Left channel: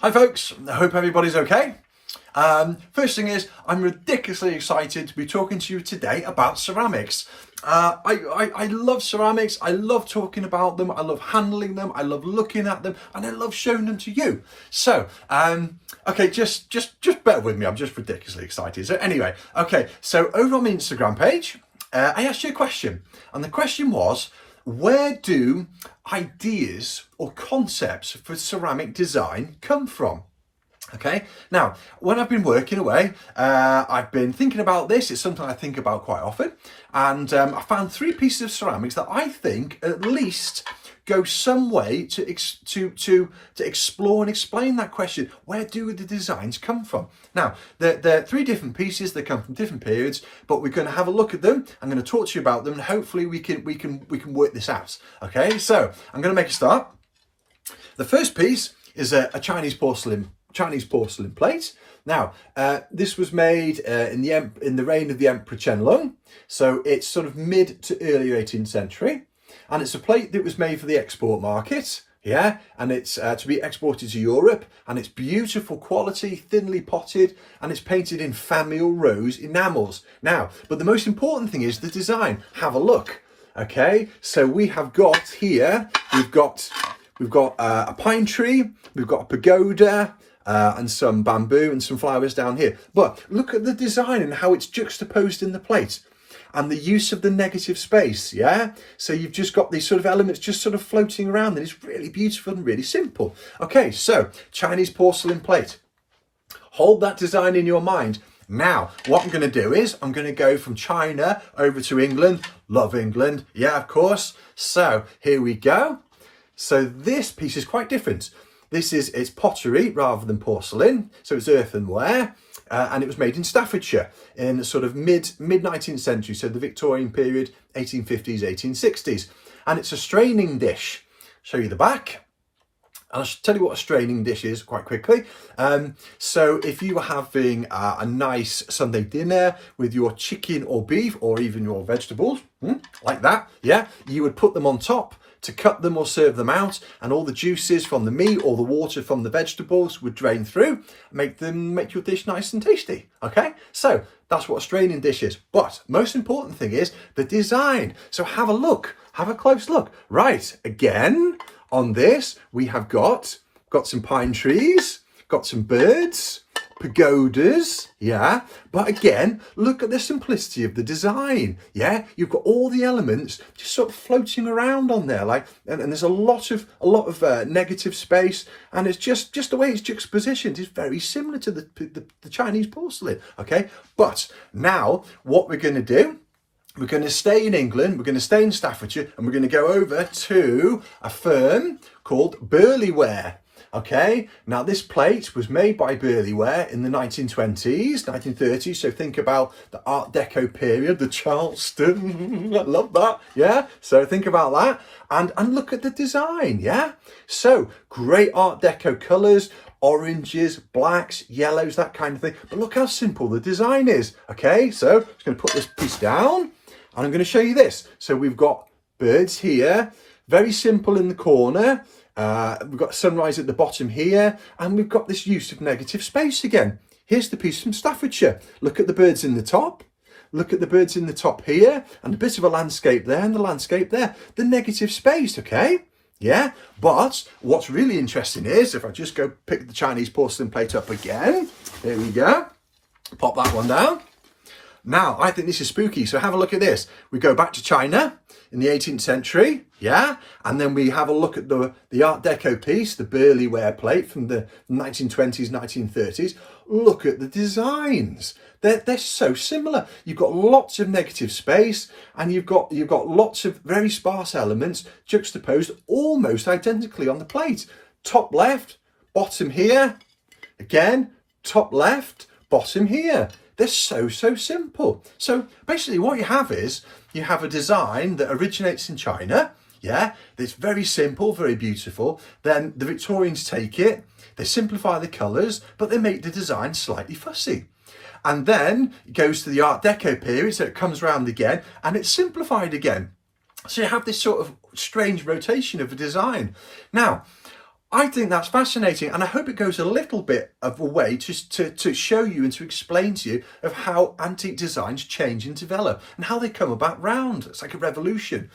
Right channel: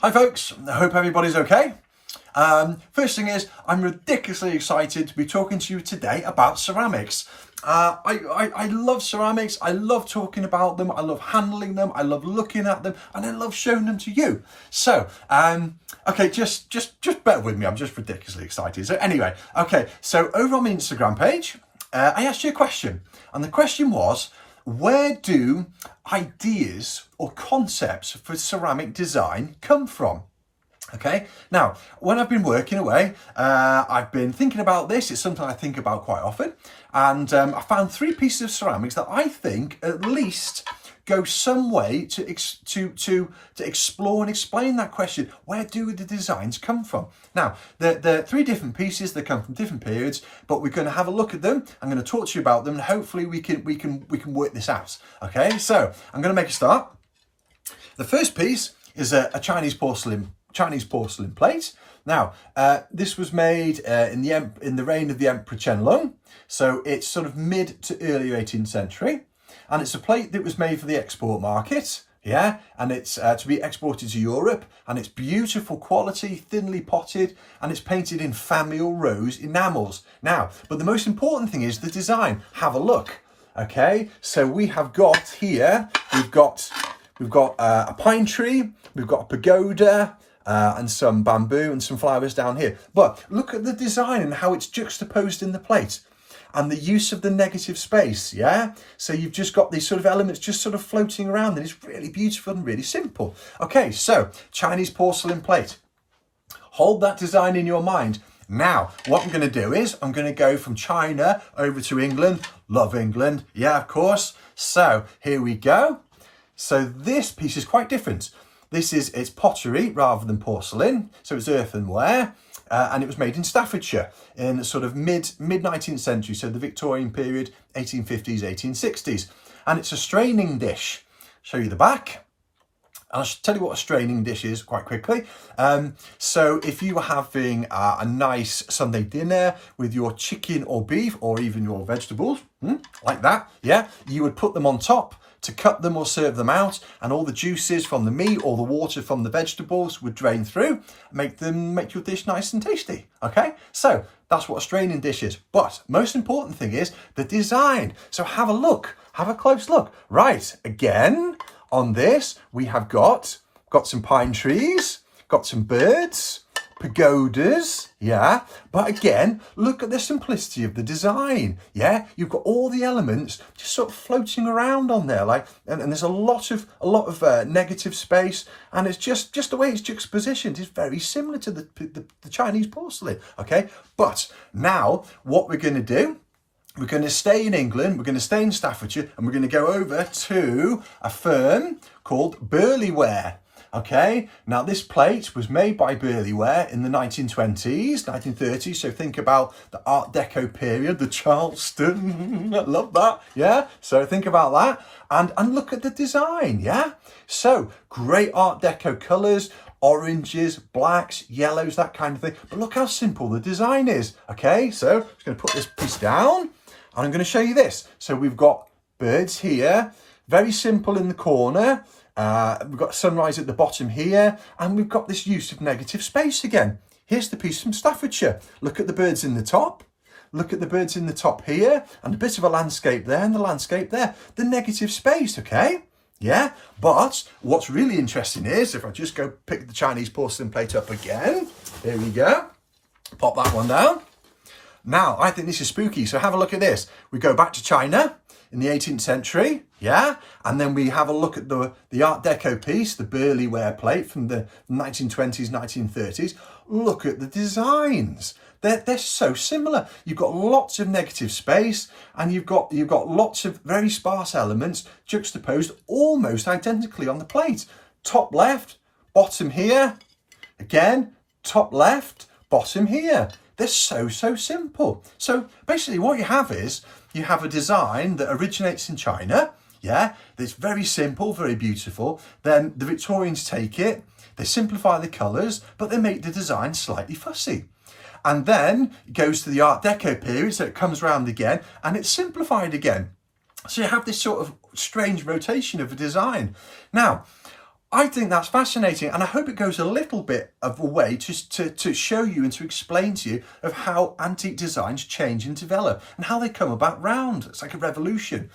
Hi folks, I hope everybody's okay. First thing is, I'm ridiculously excited to be talking to you today about ceramics. I love ceramics, I love talking about them, I love handling them, I love looking at them, and I love showing them to you. So, okay, just bear with me, I'm just ridiculously excited. So anyway, okay, so over on my Instagram page, I asked you a question, and the question was, where do ideas or concepts for ceramic design come from? Okay, now when I've been working away, I've been thinking about this. It's something I think about quite often, and I found 3 pieces of ceramics that I think at least go some way to explore and explain that question. Where do the designs come from? Now, they're 3 different pieces. They come from different periods, but we're going to have a look at them. I'm going to talk to you about them, and hopefully we can work this out. Okay, so I'm going to make a start. The first piece is a Chinese porcelain plate. Now, this was made in the reign of the Emperor Qianlong, so it's sort of mid to early 18th century. And it's a plate that was made for the export market, yeah, and it's to be exported to Europe, and it's beautiful quality, thinly potted, and it's painted in famille rose enamels. Now, but the most important thing is the design. Have a look, okay? So we have got here, we've got a pine tree, we've got a pagoda, and some bamboo and some flowers down here. But look at the design and how it's juxtaposed in the plate. And the use of the negative space, yeah? So you've just got these sort of elements just sort of floating around, and it's really beautiful and really simple. Okay, so Chinese porcelain plate. Hold that design in your mind. Now, what I'm going to do is I'm going to go from China over to England. Love England, yeah, of course. So here we go. So this piece is quite different. It's pottery rather than porcelain, so it's earthenware. And it was made in Staffordshire in sort of mid 19th century, so the Victorian period, 1850s, 1860s. And it's a straining dish. Show you the back. I'll tell you what a straining dish is quite quickly. So if you were having a nice Sunday dinner with your chicken or beef or even your vegetables, like that, yeah, you would put them on top to cut them or serve them out, and all the juices from the meat or the water from the vegetables would drain through, make your dish nice and tasty. Okay, so that's what a straining dish is. But most important thing is the design. So have a look, have a close look. Right, again on this we have got some pine trees, got some birds, pagodas, yeah, but again, look at the simplicity of the design, yeah. You've got all the elements just sort of floating around on there, like, and there's a lot of negative space, and it's just the way it's juxtapositioned is very similar to the Chinese porcelain. Okay, but now what we're going to do, we're going to stay in England, we're going to stay in Staffordshire, and we're going to go over to a firm called Burleyware. Okay, now this plate was made by Burleyware in the 1920s, 1930s, so think about the Art Deco period, the Charleston, I love that, yeah, so think about that, and look at the design, yeah, so great Art Deco colours, oranges, blacks, yellows, that kind of thing, but look how simple the design is. Okay, so I'm just going to put this piece down, and I'm going to show you this. So we've got birds here, very simple in the corner. We've got sunrise at the bottom here, and we've got this use of negative space again. Here's the piece from Staffordshire. Look at the birds in the top. Look at the birds in the top here, and a bit of a landscape there, and the landscape there. The negative space, okay? Yeah, but what's really interesting is, if I just go pick the Chinese porcelain plate up again, there we go. Pop that one down. Now, I think this is spooky, so have a look at this. We go back to China in the 18th century, yeah, and then we have a look at the Art Deco piece, the Burleyware plate from the 1920s, 1930s. Look at the designs. They're so similar. You've got lots of negative space, and you've got lots of very sparse elements juxtaposed almost identically on the plate. Top left, bottom here, again, top left, bottom here. They're so simple. So basically what you have is, you have a design that originates in China, yeah, it's very simple, very beautiful. Then the Victorians take it, they simplify the colours, but they make the design slightly fussy. And then it goes to the Art Deco period, so it comes round again, and it's simplified again. So you have this sort of strange rotation of a design. Now, I think that's fascinating, and I hope it goes a little bit of a way to show you and to explain to you of how antique designs change and develop and how they come about round. It's like a revolution.